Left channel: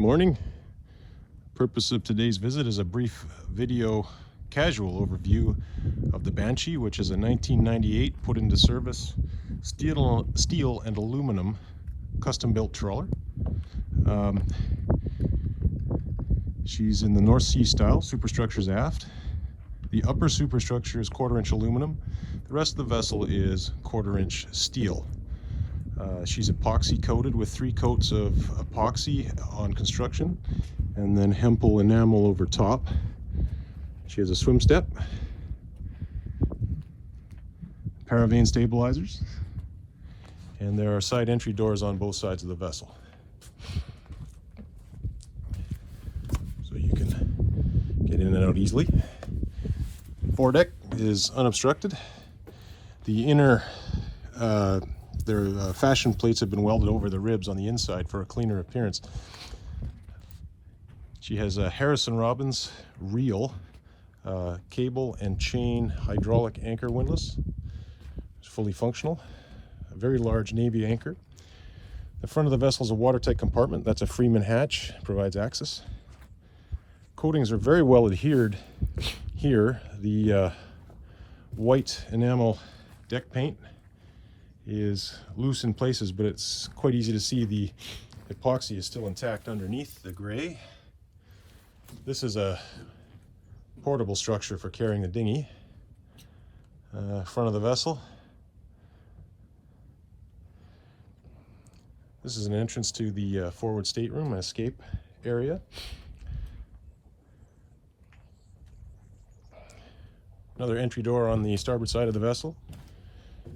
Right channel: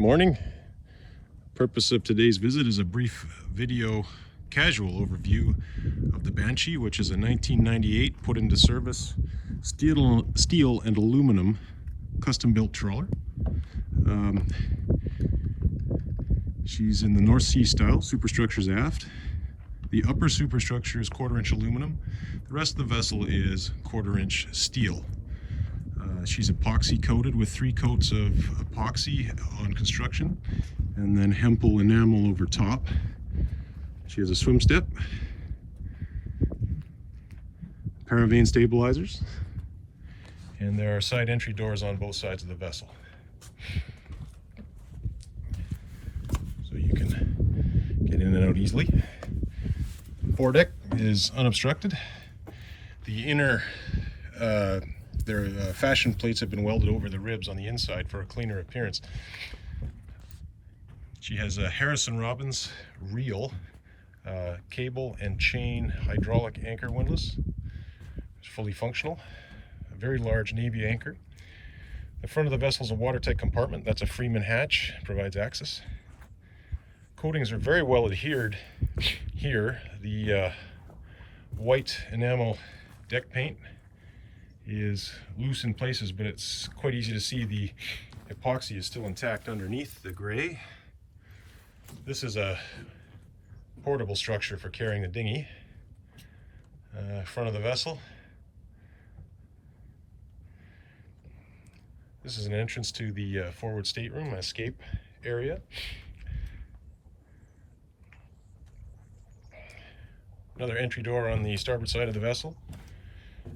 Morning. Purpose of today's visit is a brief video casual overview of the Banshee, which is a 1998 put into service steel and aluminum custom-built trawler. She's in the North Sea style, superstructure's aft. The upper superstructure is 1/4-inch aluminum. The rest of the vessel is 1/4-inch steel. She's epoxy coated with 3 coats of epoxy on construction and then hempel enamel over top. She has a swim step, paravane stabilizers, and there are side entry doors on both sides of the vessel. So you can get in and out easily. Foredeck is unobstructed. The inner their fashion plates have been welded over the ribs on the inside for a cleaner appearance. She has a Harrison Robbins reel, cable and chain hydraulic anchor windlass. It's fully functional. A very large Navy anchor. The front of the vessel is a watertight compartment. That's a Freeman hatch, provides access. Coatings are very well adhered here. The white enamel deck paint is loose in places, but it's quite easy to see the epoxy is still intact underneath the gray. This is a portable structure for carrying the dinghy. Front of the vessel. This is an entrance to the forward stateroom and escape area. Another entry door on the starboard side of the vessel.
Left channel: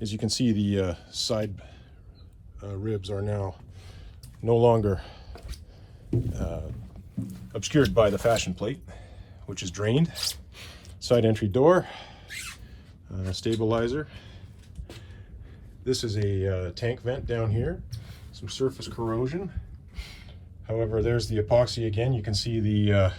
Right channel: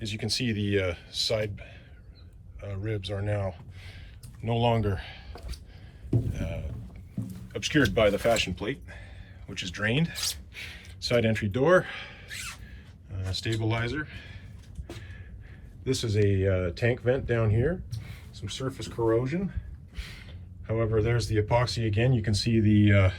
As you can see, the side ribs are now no longer obscured by the fashion plate, which is drained. Side entry door, stabilizer. This is a tank vent down here, some surface corrosion. However, there's the epoxy again. You can see the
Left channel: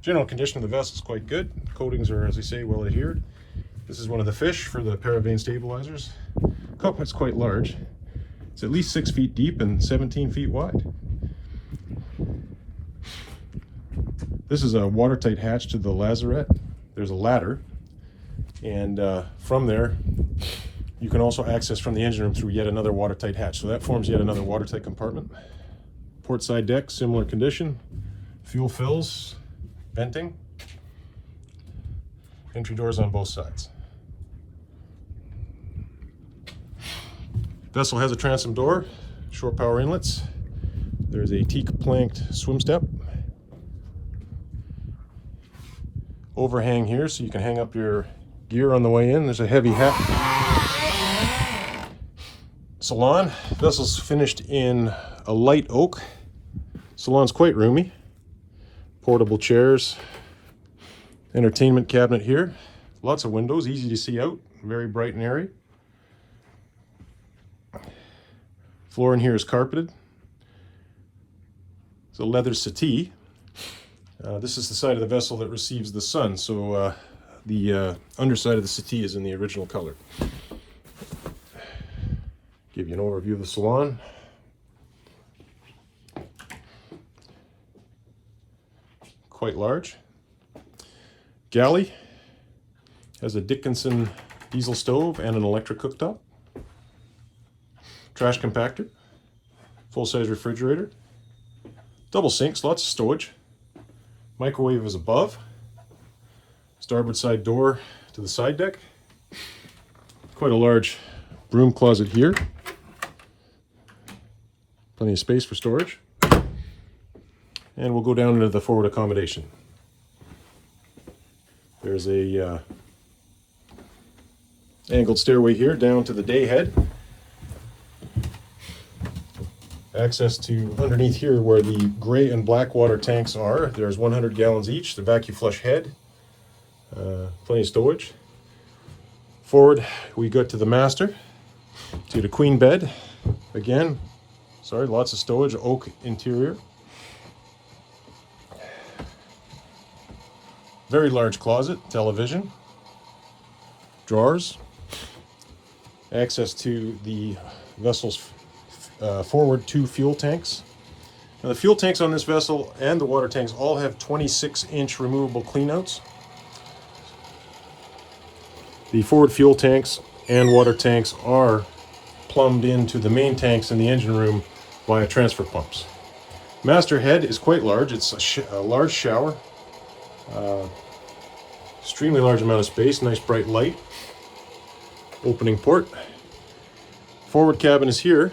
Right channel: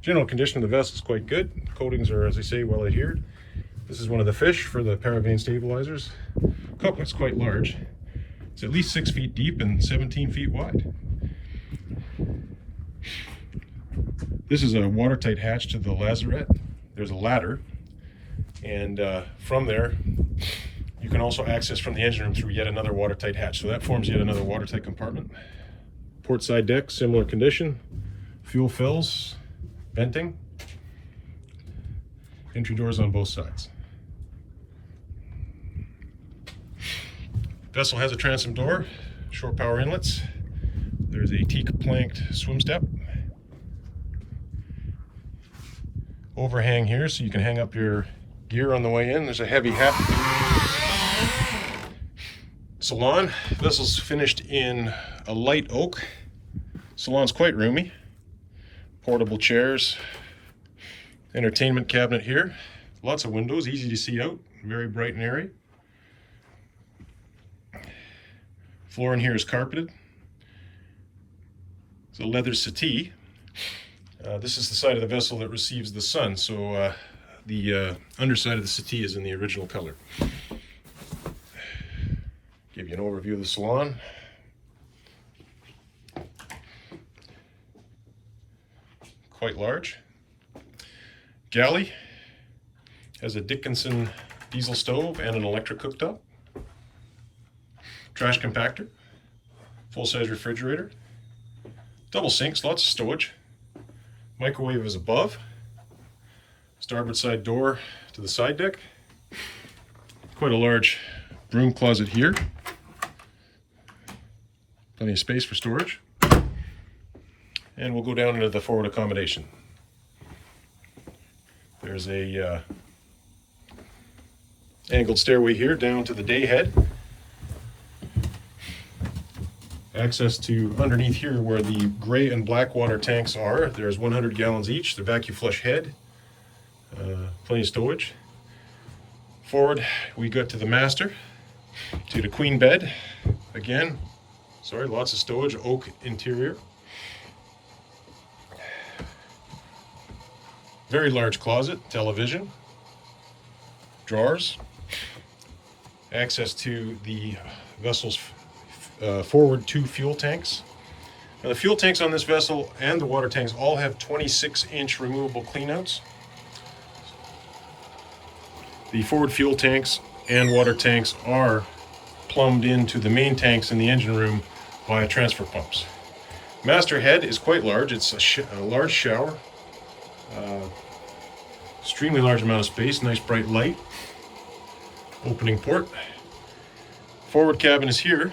general condition of the vessel is quite good. Coatings are, as I say, well adhered. This is one of the fish for the paravane stabilizers. Cockpit's quite large. It's at least 6 feet deep and 17 feet wide. This is a watertight hatch to the lazarette. There's a ladder, and from there you can also access from the engine room through yet another watertight hatch. So that forms yet another watertight compartment. Port side deck, similar condition. Fuel fills, venting. Entry doors on both sides. Vessel has a transom door, shore power inlets. There's a teak planked swim step. Overhang here so you can hang up your gear on the way in. There's a heavy hat. Salon. Vessel's finished in a light oak. Salon's quite roomy. Portable chairs. Entertainment cabinet here. Lots of windows, easy to see out. Very bright and airy. Floor in here is carpeted. It's a leather settee. This is the side of the vessel that receives the sun, so the underside of the settee is in the original color. Give you an overview of the salon. Quite large. Galley has a Dickinson diesel stove and an electric cooktop. Trash compactor, full-size refrigerator, double sinks, lots of storage. Microwave is above. Starboard side door to the side deck. Quite a large broom closet here. Plenty of space for storage. And we'll go down into the forward accommodation. There's a angled stairway here down to the day head. Access to underneath here where the gray and black water tanks are. There's 100 gallons each. The vacuum flush head. Plenty of storage. Forward we go to the master, to the queen bed. Again, sorry, lots of stowage, oak interior. Very large closet, television, drawers, access to the vessel's forward 2 fuel tanks, Now, the fuel tanks on this vessel and the water tanks all have 26-inch removable cleanouts. The forward fuel tanks and water tanks are plumbed into the main tanks in the engine room via transfer pumps. Master head is quite large. It's a large shower, extremely large amount of space, nice bright light, opening port. Forward cabin is here,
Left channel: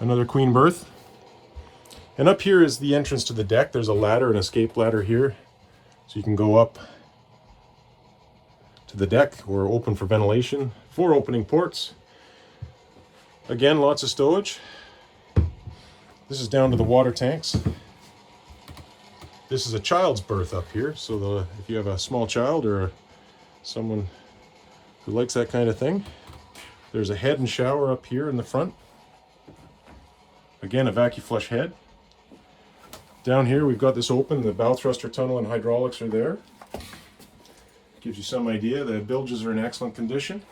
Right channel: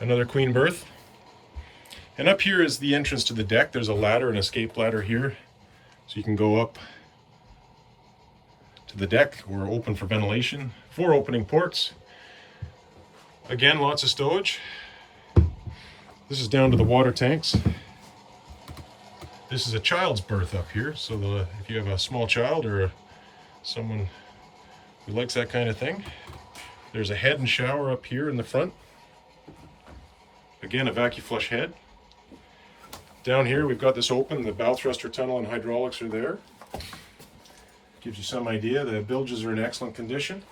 another queen berth. And up here is the entrance to the deck. There's a ladder, an escape ladder here, so you can go up to the deck or open for ventilation. 4 opening ports. Again, lots of stowage. This is down to the water tanks. This is a child's berth up here, so if you have a small child or someone who likes that kind of thing, there's a head and shower up here in the front. Again, a vacuum flush head. Down here we've got this open, the bow thruster tunnel and hydraulics are there. Gives you some idea. The bilges are in excellent condition.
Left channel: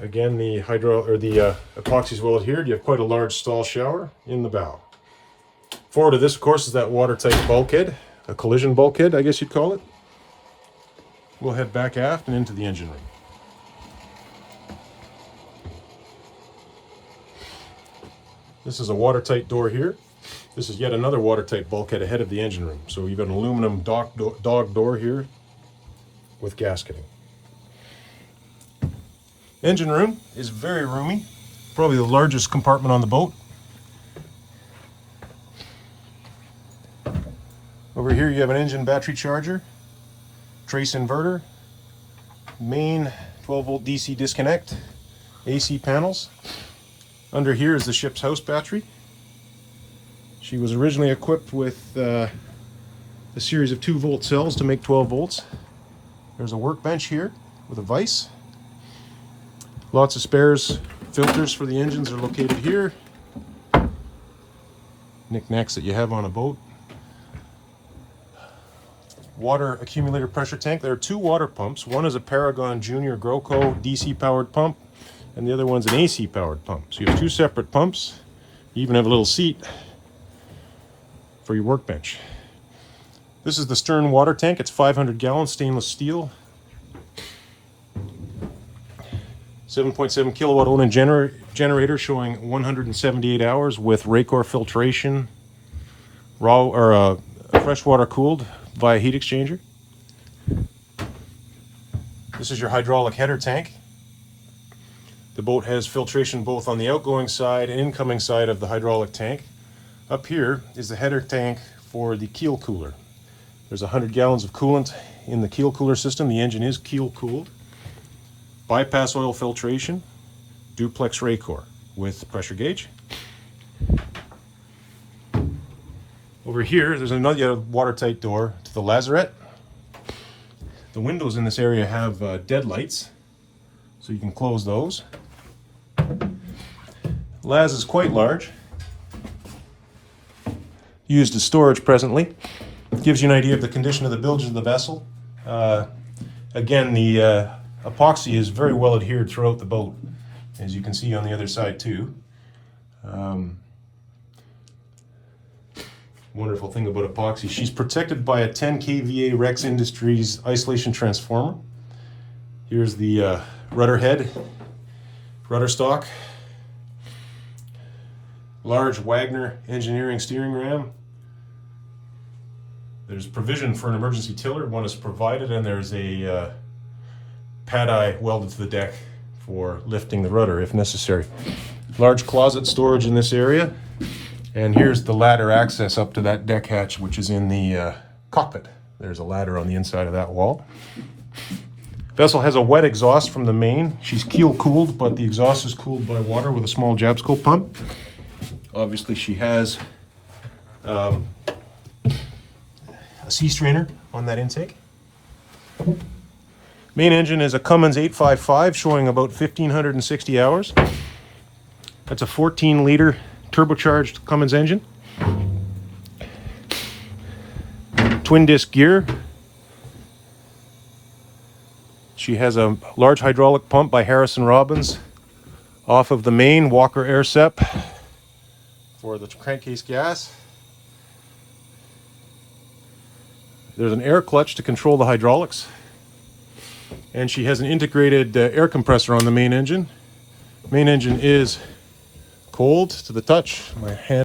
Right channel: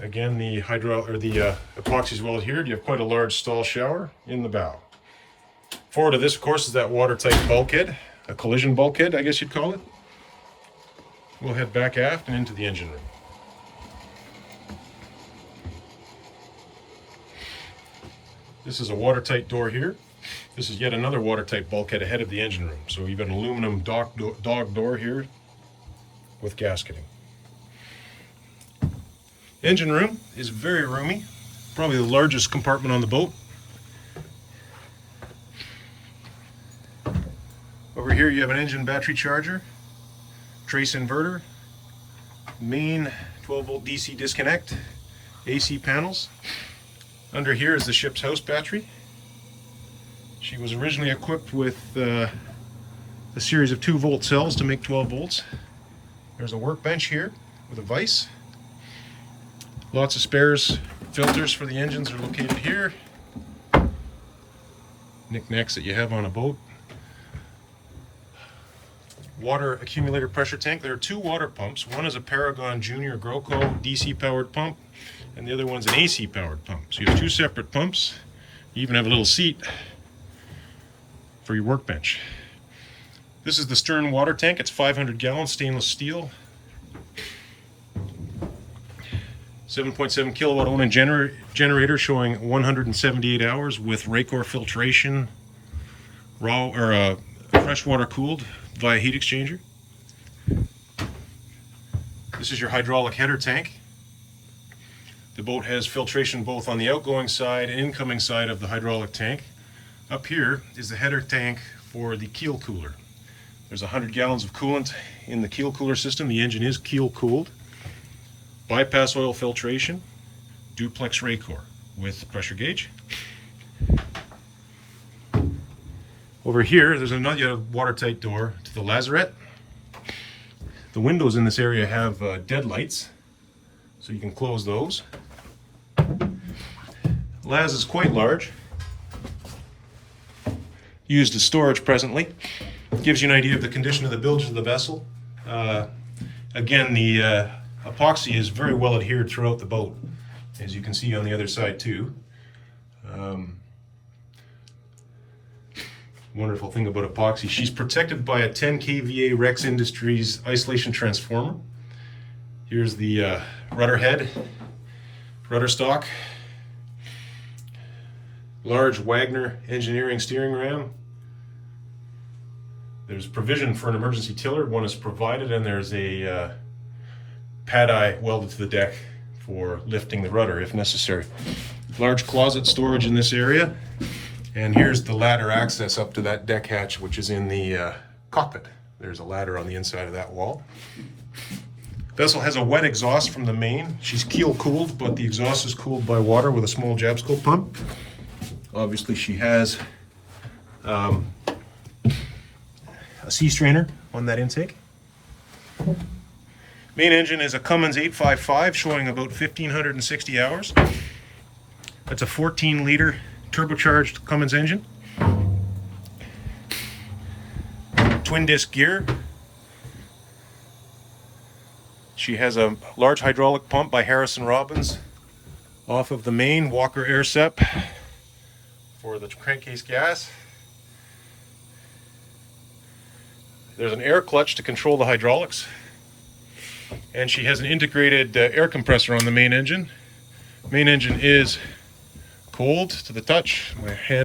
Again, the epoxy is well adhered. You have quite a large stall shower in the bow. Forward of this, of course, is that watertight bulkhead, a collision bulkhead, I guess you'd call it. We'll head back aft and into the engine room. This is a watertight door here. This is yet another watertight bulkhead ahead of the engine room. So you've got an aluminum dog door here with gasketing. Engine room is very roomy, probably the largest compartment on the boat. Over here you have an engine battery charger, trace inverter, main 12-volt DC disconnect, AC panels. Under here is the ship's house battery. She was originally equipped with a series of 2-volt cells to make 12 volts. There's a workbench here with a vise. Lots of spares. Filters for the engines are located here. Knickknacks that you have on a boat. Water accumulator pressure tank. There are 2 water pumps. One is a Paragon Junior Groco DC powered pump, and the other one's an AC powered pump. So you have 2 separate pumps. You even have a little seat for your workbench. This is the stern water tank. It's 500 gallons stainless steel. 7.7 kilowatt Onan generator showing 178 hours with Raycor filtration, raw or freshwater cooled via heat exchanger. This is your hydraulic header tank. The boat has filtration both on the outgoing side and incoming side of the hydraulic tank. Up here is the header tank for the keel cooler. There's 100 gallons of coolant in the keel cooler system. The engine is keel cooled. Bypass oil filtration, duplex Raycor with pressure gauge. Over here, there's another watertight door to the lazarette. The windows in this area have deadlights, so you can close those. Laz is quite large, used as storage presently. Gives you an idea of the condition of the bilge of the vessel. Again, the epoxy is very well adhered throughout the boat, as you can see on the other side too. Wonderful thing about epoxy, she's protected by a 10 kVA Rex Industries isolation transformer. Here's the rudder head, rudder stock, large Wagner engineering steering ram. There's provision for an emergency tiller. One is provided, and there's a pad eye welded to the deck for lifting the rudder if necessary. Large closet storage in this area, and here's the ladder access up to that deck hatch, which is in the cockpit. There's a ladder on the inside of that wall. Vessel has a wet exhaust from the main. She's keel cooled, but the exhaust is cooled by water with a small Jabsco pump. Obviously she has a sea strainer on that intake. Main engine is a Cummins 855 showing about 1,560 hours. That's a 14-liter turbocharged Cummins engine. Twin disc gear. She has a large hydraulic pump by Harrison Robbins off of the main Walker Air Sep for the crankcase gas. There's an air clutch to control the hydraulics. And she has an integrated air compressor on the main engine. Main engine is cold to the touch. My hand